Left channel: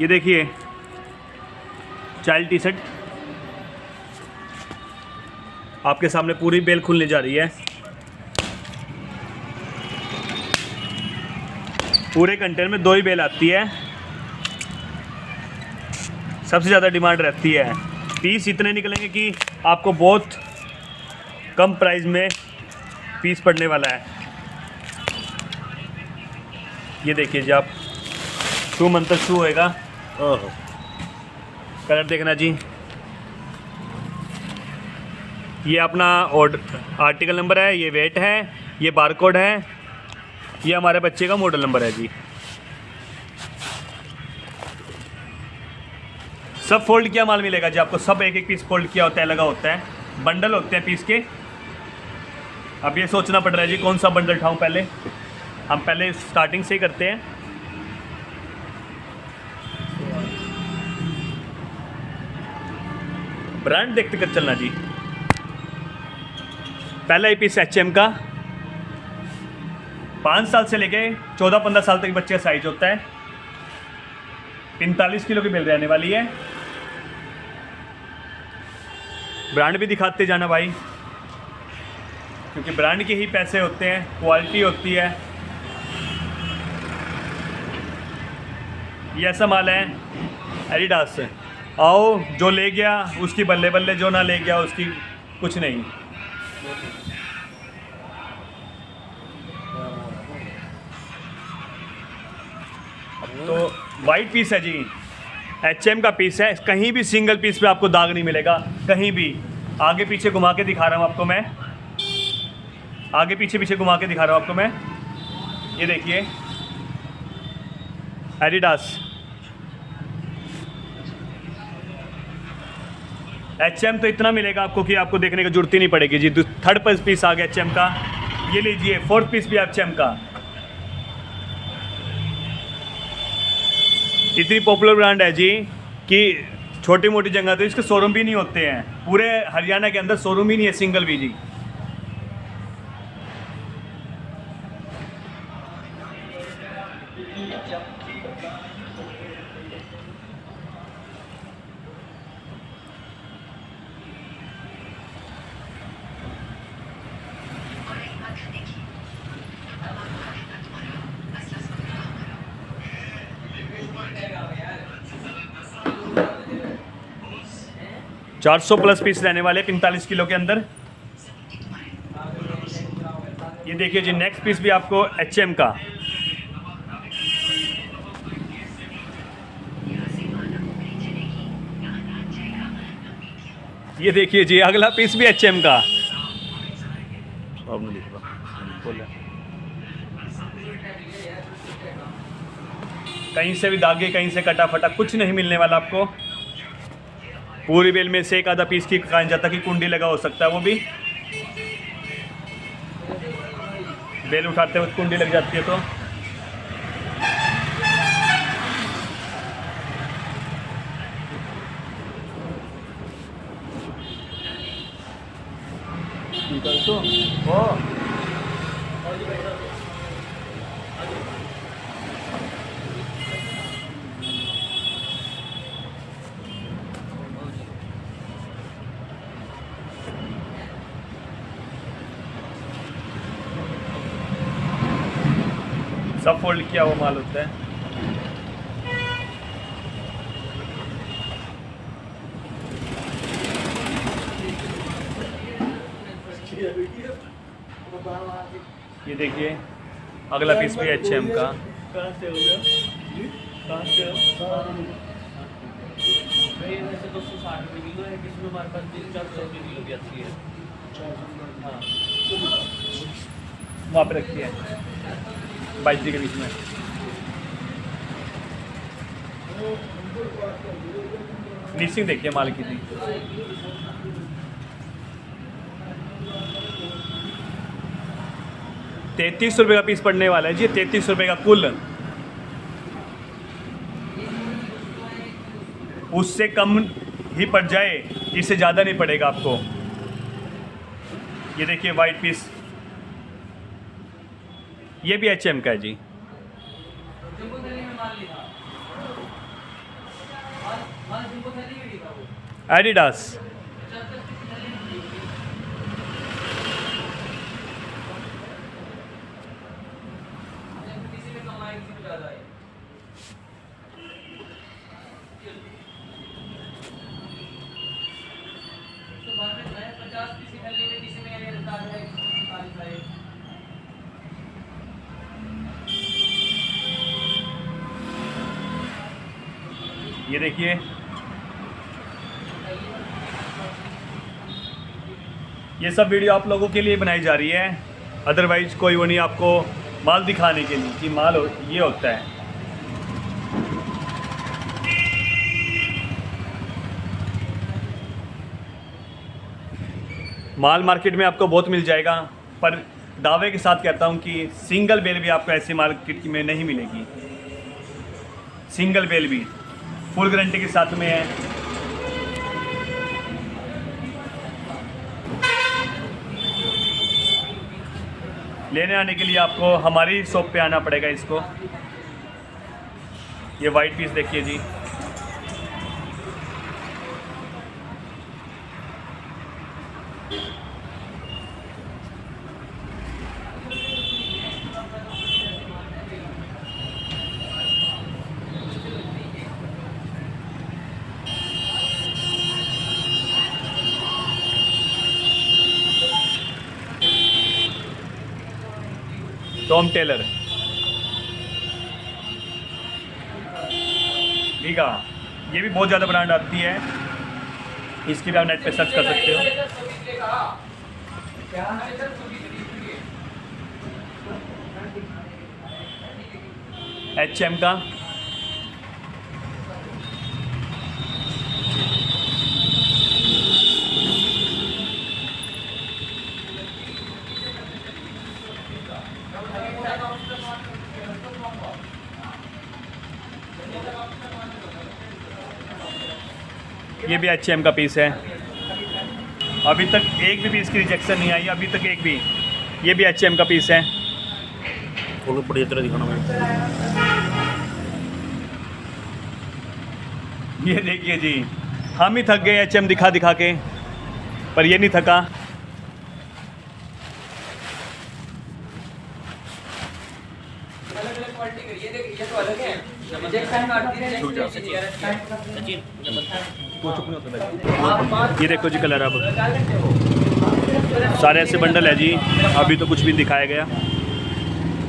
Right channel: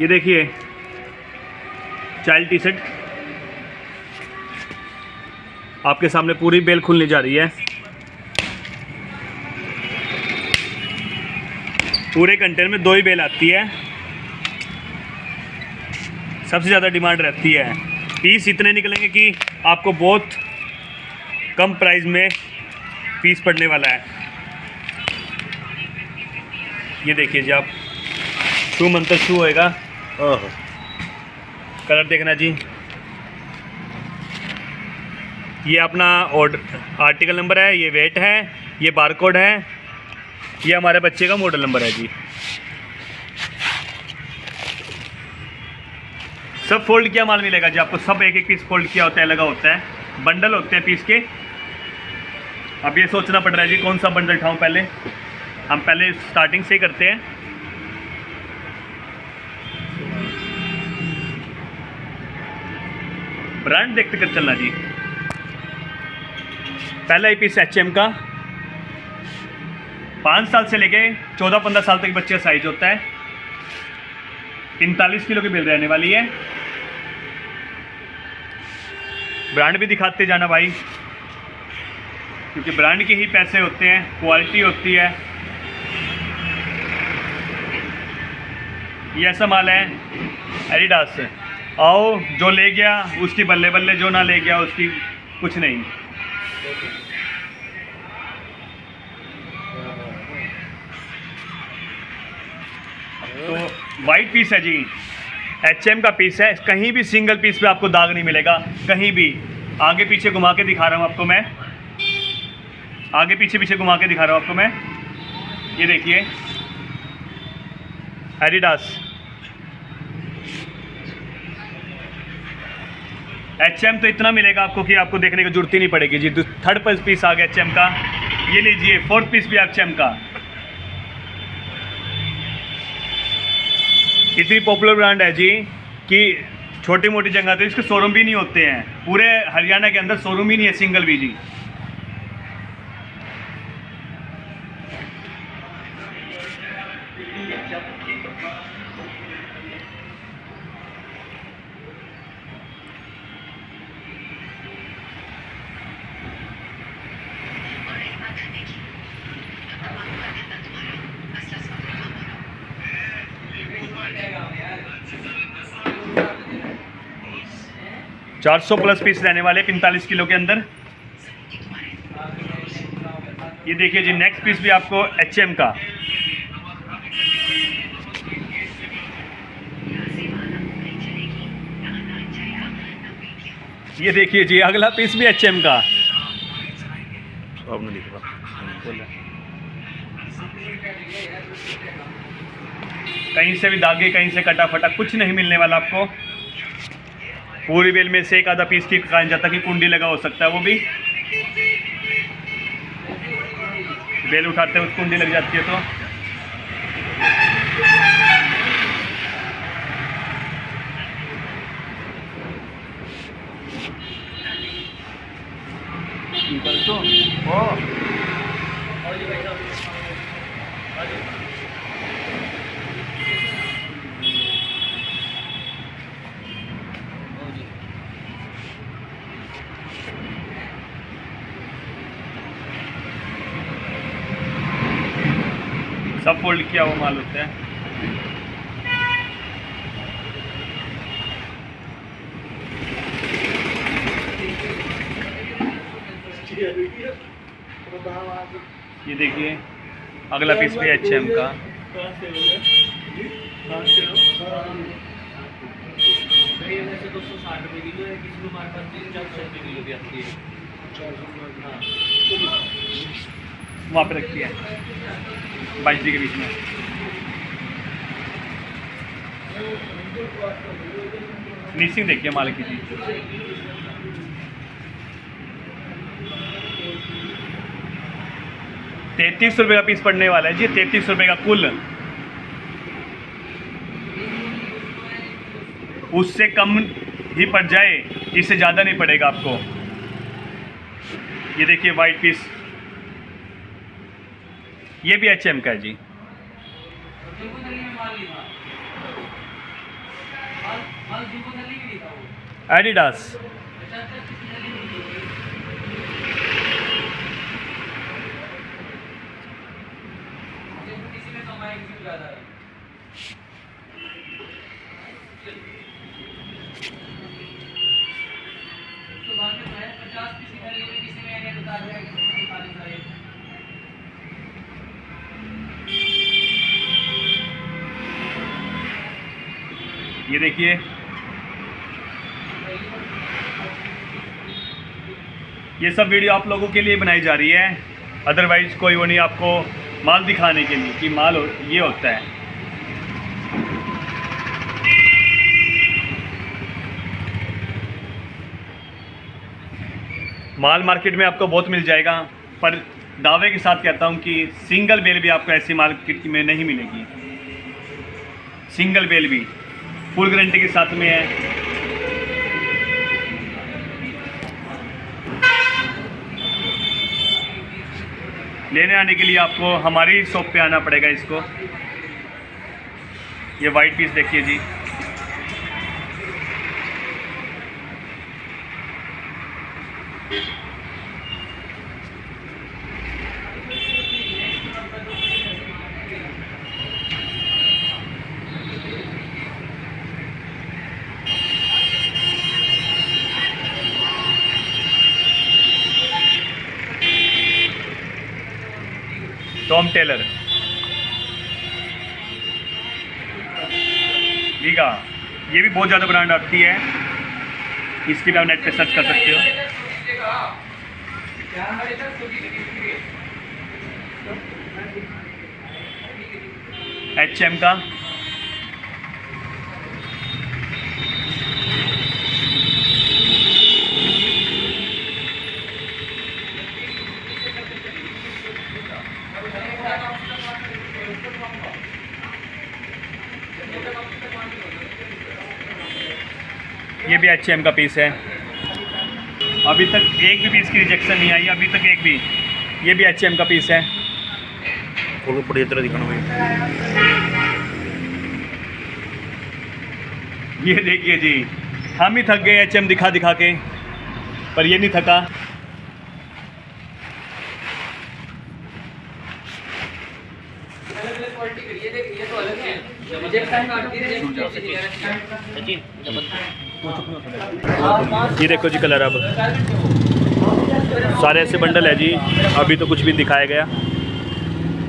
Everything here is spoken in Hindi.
ये देखिए चाइल्ड टी शर्ट आपके सामने पूरी बेल खुलने जा रही है। पूरे कंटेनर में 2 ही बेल आती है। सबसे ज़्यादा डिमांड रहती है। पीस इतने निकलेंगे कि आपको बहुत कम प्राइस में पीस पड़ने वाला है। ये देखिए जी आप, शू मंतर शू होएगा। कलर देखना जी। ये अपना ऑर्डर आर्टिकल नंबर है, ये वेट है, ये बारकोड है, ये हमारे बच्चे का मॉडल नंबर है जी। सब फोल्ड किया माल मिलेगा जी आपको। सब एक एक पीस फोल्ड किया होता है, लगा होता है। बंडल होते हैं पीस के। अब ये सोचना पड़ रहा है जी कौन सा बंडल उठाऊं। पहले हम स्टार्टिंग से ही करते हैं। ब्रांड देखते कर चलना जी। पहला ही पीस HM का 5 साल से लेके 14-15 साल तक बच्चे का साइज होता है। 45 किलो की बिल रहने वाली है। ब्रांड भी दिखाते जाना भाई, क्योंकि ब्रांड के ही पैसे होते हैं, क्वालिटी होती है। ये ऐसा माल है एडिडास से। आओ, जो ले गया उसकी बल्ले बल्ले, जो ना ले गया उसकी कुछ नहीं। तो वाइट पीस है जी, HM का पीस है। कहीं भी सिंगल पीस पे आपको दाग नहीं मिलेगा, कहीं भी। आगे पीछे घुमा के दिखा रहा हूँ आपको मैं, आगे पीछे घुमा के दिखा रहा हूँ आपको मैं। ये देखिए एडिडास HM तो इतना मिलेगा आपको कि आपको देखने की जरूरत ही नहीं पड़ेगी जी। थर्ड पीस आ गया HM का। ये लीजिए 4th पीस भी HM का। इतनी पॉपुलर ब्रांड है जी कि छोटी मोटी जगह तो इसके शोरूम भी नहीं होते हैं। पूरे हरियाणा के अंदर शोरूम ही नहीं है सिंगल भी जी। चार 400+ पीस रहने वाले 45 किलो के अंदर। ये देखिए जी नेक्स्ट पीस भी आपको HM का। ये देखिए जी अगला पीस भी HM का। आपने लिखा बोला कहीं से भी दागे, कहीं से कटा फटा कुछ नहीं मिलने वाला आपको। पूरी बेल में से एक आधा पीस की कहा जाता कि कुंडी लगा हो सकता है, वो भी बेल उठाते हुए कुंडी लग जाती है। तो सब फोल्ड किया हुआ माल होता है। ये देखिए अगला पीस भी HM का। वहाँ पे रखी है 22 के बीच में। फिनिशिंग देखिए माल की जी। 33 रुपये का पीस पड़ने वाला है जी। 33 रुपये का कुल। उससे कम ही पड़ जाए, इससे ज़्यादा नहीं पड़ेगा आपको। ये देखिए वाइट पीस, ये भी HM का है जी। एडिडास। ये देखिए, ये सब वीडियो आप लोगों के लिए बनाई जा रही है, अदरवाइज़ कोई वो नहीं, आपको माल दिखाने के लिए कि माल ये होता है। माल मार्केट में आपको बहुत मिल जाएगा, पर दावे के साथ कहता हूँ कि सिंगल बेल भी आपको ऐसी मार्केट में नहीं मिलेगी। सिंगल बेल भी फुल गारंटी के साथ में है। लेने आने के लिए आपको हमारी शॉप पे आना पड़ेगा। इसको, ये वाइट पीस देखिए जी, टॉम टेलर ठीक है। ये भी बहुत ज़्यादा ब्रांड आती है, इसकी भी आप नेट पे सर्च कर सकते हो। HM का ये भी HM का पीस है। अभी तक एक भी पीस की रिजेक्शन नहीं आई, अभी तक एक भी। ये भी HM का पीस है। खोलो बढ़िया तरह दिखाना भाई। ये देखिए जी, हम ही थक गए HM दिखा दिखा के, पर ये नहीं थका। अलग-अलग क्वालिटी की ये देख, ये तो अलग है। रिजेक्ट टाइम आती है, ये देखो जी कलर, अब सारे ऐसे बंडल है जी, अभी तो कुछ भी दिखाया गया।